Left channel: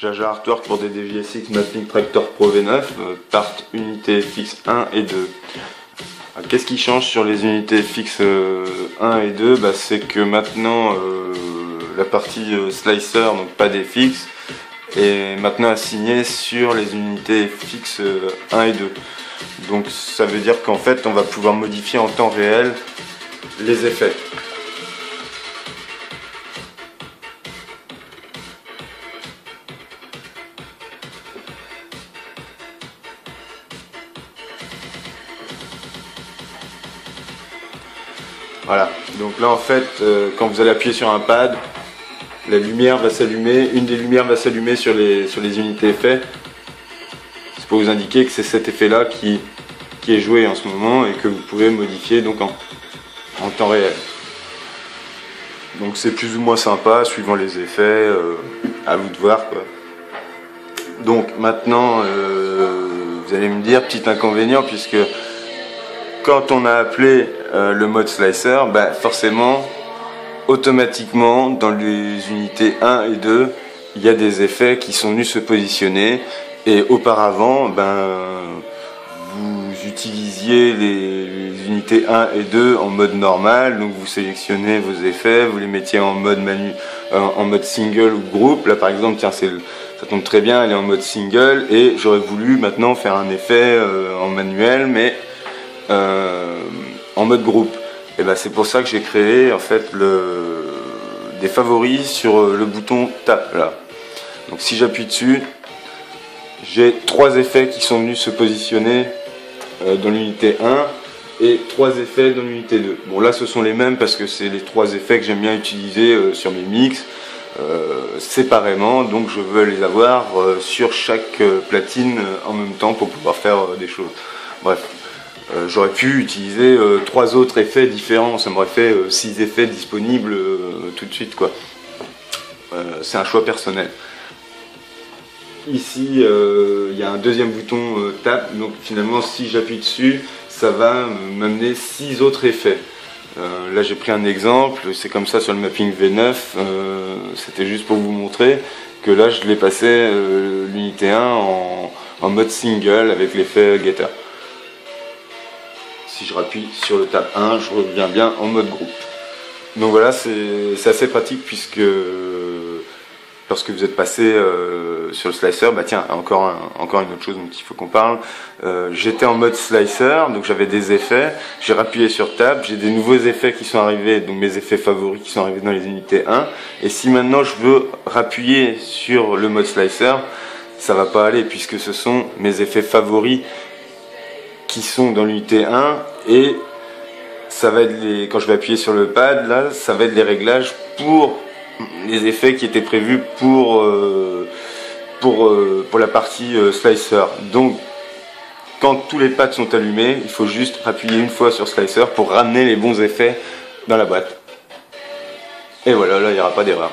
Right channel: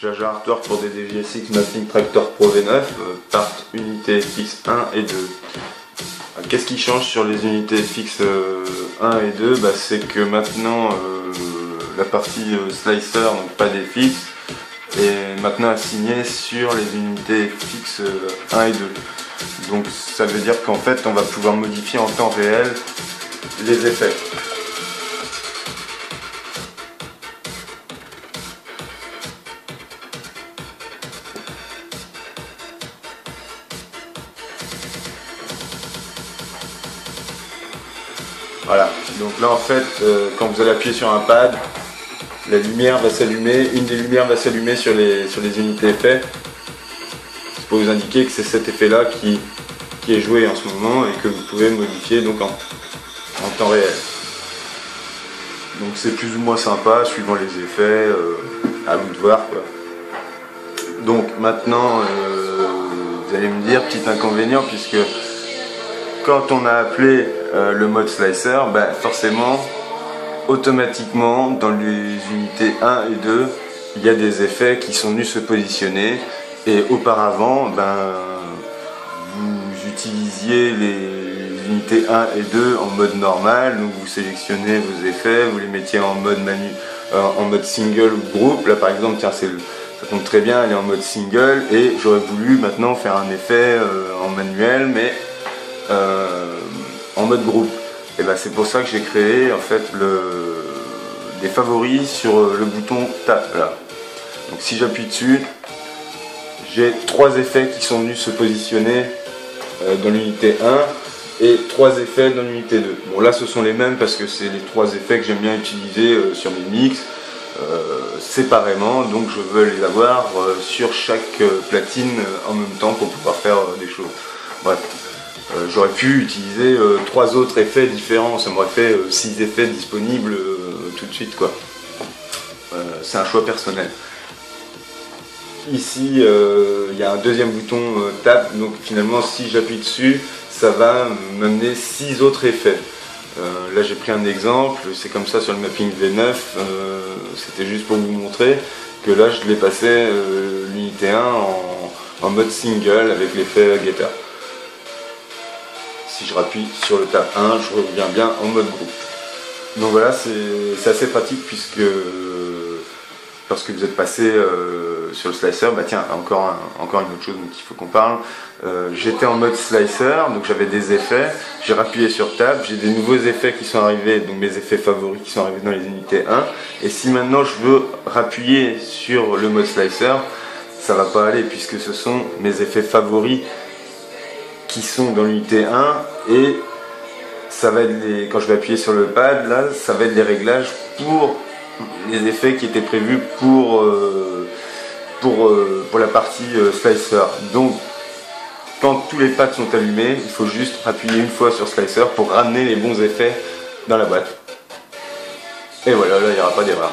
Jaja Artwork pour des DVSX Mapping Tractor Pro V9, part unité FX 1 et 2. Qu'est-ce qui change sur les unités FX 1 et 2? C'est que maintenant la partie slicer, donc pas des fixes, est maintenant assignée sur les unités FX 1 et 2. Donc ça veut dire qu'en fait on va pouvoir modifier en temps réel les effets. Voilà, donc là en fait, quand vous allez appuyer sur un pad, la lumière va s'allumer, une des lumières va s'allumer sur les unités effets. C'est pour vous indiquer que c'est cet effet là qui est joué en ce moment et que vous pouvez modifier donc en temps réel. Donc c'est plus ou moins sympa suivant les effets, à vous de voir quoi. Donc maintenant, vous allez me dire, petit inconvénient, puisque quand on a appelé le mode slicer, forcément, automatiquement, dans les unités 1 et 2, il y a des effets qui sont venus se positionner. Et auparavant, vous utilisiez les unités 1 et 2 en mode normal. Donc vous sélectionnez vos effets, vous les mettiez en mode single ou groupe. Là par exemple, tiens, ça tombe très bien, elle est en mode single. Et j'aurais voulu maintenant faire un effet en manuel, mais en mode groupe. Et c'est pour ça que j'ai créé en fait des favoris sur le bouton Tab là. Donc si j'appuie dessus, j'ai 3 effets qui sont venus se positionner dans l'unité 1 et 3 effets dans l'unité 2. Bon là ce sont les mêmes parce que c'est les 3 effets que j'aime bien utiliser sur mes mix séparément, donc je veux les avoir sur chaque platine en même temps pour pouvoir faire des choses. Bref. J'aurais pu utiliser 3 autres effets différents, ça m'aurait fait 6 effets disponibles tout de suite quoi. C'est un choix personnel. Ici il y a un deuxième bouton Tab, donc finalement si j'appuie dessus, ça va m'amener 6 autres effets. Là j'ai pris un exemple, c'est comme ça sur le mapping V9, c'était juste pour vous montrer que là je l'ai passé l'unité 1 en mode single avec l'effet getter. Si je rappuie sur le tab 1, je reviens bien en mode groupe. Donc voilà, c'est assez pratique puisque lorsque vous êtes passé sur le slicer, tiens, encore une autre chose dont il faut qu'on parle. J'étais en mode slicer, donc j'avais des effets, j'ai rappuyé sur tab, j'ai des nouveaux effets qui sont arrivés, donc mes effets favoris qui sont arrivés dans les unités 1. Et si maintenant je veux rappuyer sur le mode slicer, ça va pas aller puisque ce sont mes effets favoris qui sont dans l'unité 1 et ça va être quand je vais appuyer sur le pad là, ça va être les réglages pour les effets qui étaient prévus pour la partie slicer. Donc quand tous les pads sont allumés, il faut juste appuyer une fois sur slicer pour ramener les bons effets dans la boîte. Et voilà, là il n'y aura pas d'erreur.